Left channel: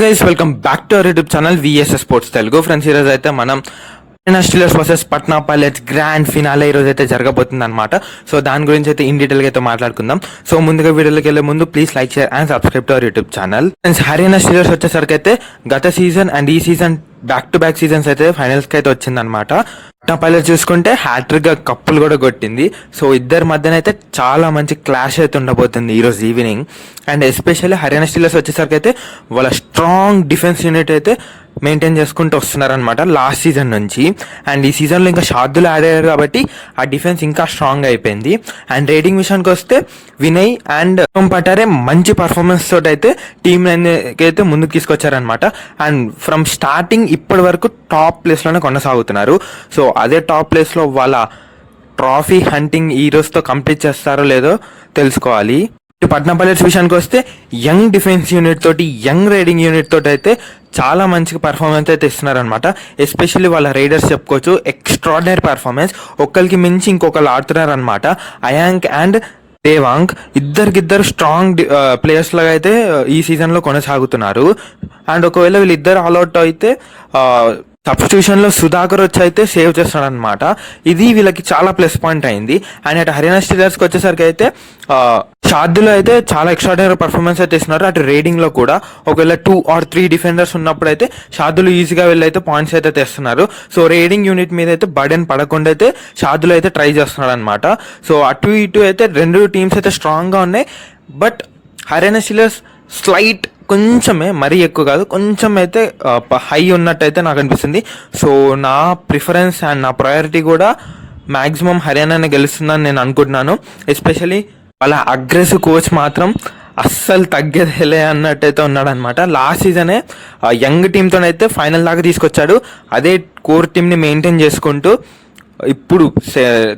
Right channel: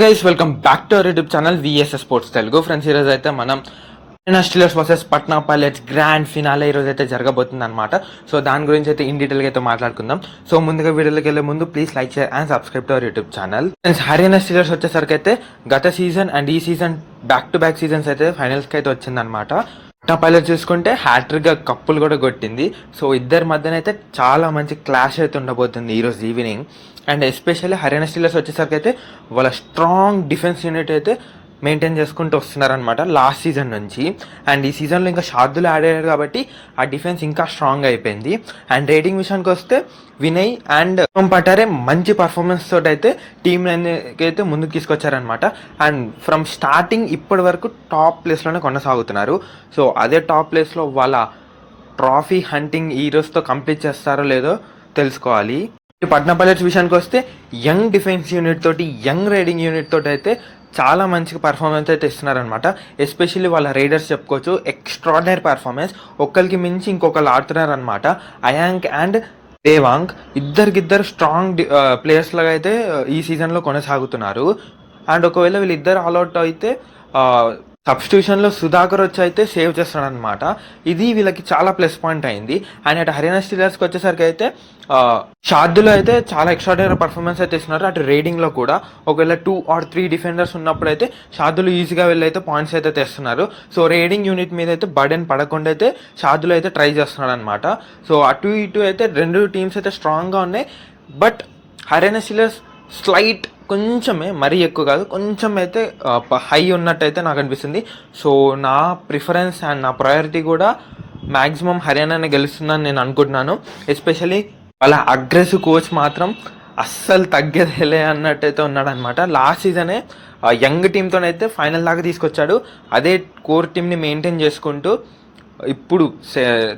Guys welcome back to our YouTube channel VSS sports Telugu. Friends, ఈరోజు అయితే మనం Steelers versus Patna pilots grand finale ఈరోజు అయితే జరగబోతుంది అనమాట. సో దాని గురించి అయితే ఇన్ డీటెయిల్గా అయితే మాట్లాడుకుందాం. సో ముందుగా వీడియోలోకి వెళ్ళే ముందు please like, share and subscribe to our YouTube channel. Friends, Haryana Steelers వచ్చేసరికి అయితే గత సీజన్ అండ్ ఈ season back to back seasons అయితే ఫైనల్స్ కి అయితే వచ్చిందనమాట. పట్నా పైలట్స్ చూసుకుంటే హ్యాట్రిక్ గా కప్పులు కూడా కొట్టింది. సో ఇద్దరి మధ్యన అయితే చాలా మంచి క్లాష్ అయితే ఉండబోతుంది ఈ రోజు evening. And especially Haryana Steelers వచ్చేసరికి అయితే వాళ్ళ స్ట్రాంగ్ డిఫెన్స్ యూనిట్ అయితే మెయింటైన్ చేసుకుంటూ వస్తున్నారనమాట లాస్ట్ సీజన్ నుంచి. అండ్ ఈ సీజన్లో ఇంకా షార్దులు యాడ్ అయ్యారు కాబట్టి ఆ డిఫెన్స్ ఇంకా స్ట్రాంగ్ అయిపోయింది. అండ్ రేటింగ్ విషయానికి వస్తే వినయ్ అండ్ పటారే మంచి పర్ఫార్మెన్స్ తోటి అయితే టీమ్ అయితే ముందుకు తీసుకొచ్చారనమాట. అండ్ ఫ్రమ్ స్టార్టింగ్ ఇప్పటి వరకు టాప్ ప్లేస్లోనే కొనసాగుతున్నారు. సో అదే టాప్ ప్లేస్లో వాళ్ళ ట్రాఫీ హంటింగ్ ఈ రోజుతో కంప్లీట్ చేస్తారో లేదో తెలుసుకోవాలి. పట్నా పైలట్స్ విషయానికి వస్తే యంగ్ డిఫెన్స్ యూనిట్ తోటి, యంగ్ రైడింగ్ యూనిట్ తోటి అయితే చాలా మంచి పర్ఫార్మెన్స్ అయితే ఇస్తున్నారనమాట. ఎస్పెషల్లీ వాళ్ళ రైడర్స్ చెప్పుకోవచ్చు, ఎక్స్ట్రాడినరీ పర్ఫార్మెన్స్. ఒకరికి మించి ఇంకొకరు ఆడుతున్నారు అనమాట. అయాంక్ అండ్ దేవాంగ్ ఇద్దరికిద్దరు స్ట్రాంగ్ ప్లేయర్స్ లాగా అయితే ఈ సీజన్లో కొనసాగుతున్నారు. అండ్ ఒకవేళ వీళ్ళిద్దరు ఆల్అౌట్ అయితే సబ్స్టిట్యూషన్ లో సుధాకర్ వచ్చి అయితే సేవ్ చేస్తాడు అనమాట. ఇది వీళ్ళకి చాలా ప్లస్ పాయింట్ అయింది. అండ్ అటు హర్యానా స్టీలర్స్ కి వచ్చేసరికి అయితే షార్దులో అయితే చాలా ఎక్స్ట్రాడినరీ పర్ఫార్మెన్స్ అయితే ఇస్తున్నారు. అటు రేడింగ్ లో కూడా ఒకవేళ 2 or 3 డిఫెండర్స్ ఉన్నప్పుడు అయితే షార్దులు ఈజీగా వెళ్ళి అయితే పాయింట్స్ అయితే తెస్తున్నారు. సో రేడింగ్ యూనిట్ మీద అయితే బర్డెన్ పడకుండా అయితే షార్దులు అయితే ట్రై చేస్తున్నాడు అనమాట. సో అటు ఇటు అయితే రెండు టీమ్స్ అయితే స్ట్రాంగ్ గా ఉన్నాయి. బట్ హర్యానా స్టీలర్స్ స్లైట్ కొంచెమే, మరీ ఎక్కువ కాదు, కొంచెం అయితే హై ఉన్నట్టు అయితే నాకు అనిపిస్తుంది. సో నా ప్రిఫరెన్స్ అండ్ నా ప్రయారిటీ కూడా మ్యాక్సిమం హర్యానానే గెలుస్తుందని నేను అనుకుంటున్నాను. ఎస్పెషలీ వాళ్ళ అగ్రెసివ్ కోచ్ మాత్రం అస్సలు తగ్గేదేలే అన్నట్టయితే ఉన్నాడు అనమాట. లాస్ట్ సీజనే యంగ్ టీంతోనైతే ఫైనల్ దాకా తీసుకొచ్చాడు. అదే కోర్ టీంని మెయింటైన్ చేసుకుంటూ ఇప్పుడు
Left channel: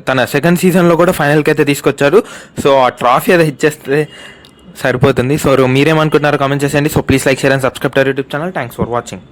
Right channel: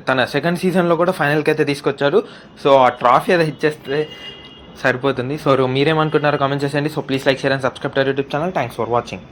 తన సెకండ్ సీజన్లో కూడా ఫైనల్కి అయితే తీసుకొచ్చారు. సో ఆ ట్రాఫీ అది ఇచ్చేస్తే సరిపోతుంది. సో మీరేమనుకుంటున్నారో కామెంట్ చేసేయండి. So please like, share and subscribe to YouTube channel. Thanks for watching.